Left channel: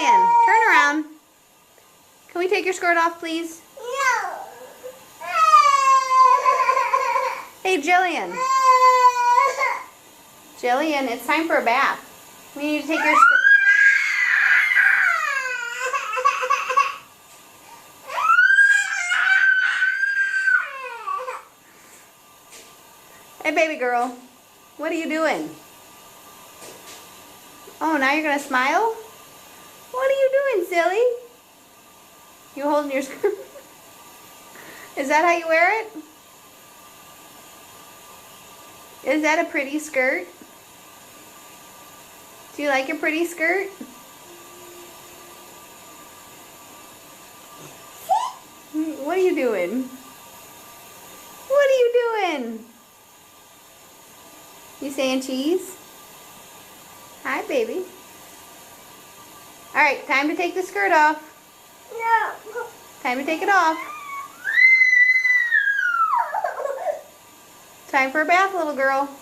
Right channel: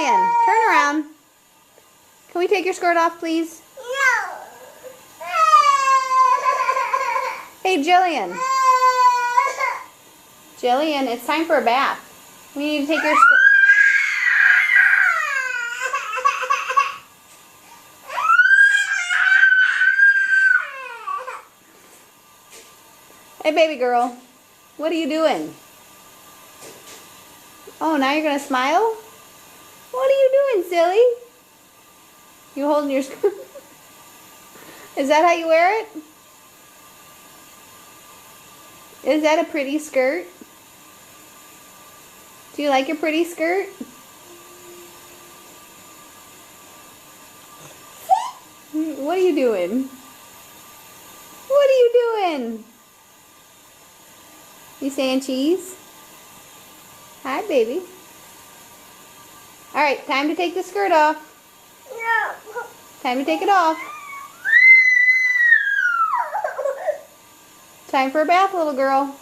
Jillian, turn around. Can we take your skirt off, please? Hey, Jillian. Jillian, it's time for a bath. We need to take your skirt. Hey, baby girl. What are you doing? Oh, now you're going to smile? What are you doing, silly? You holding your skirt? Is that how you wear it? Is that a pretty skirt? Do you like your pretty skirt? What are you doing? What are you doing? You saying cheese? Hi, baby. All right, time to take the skirt off. No. Time to take it off. Time for a bath, little girl.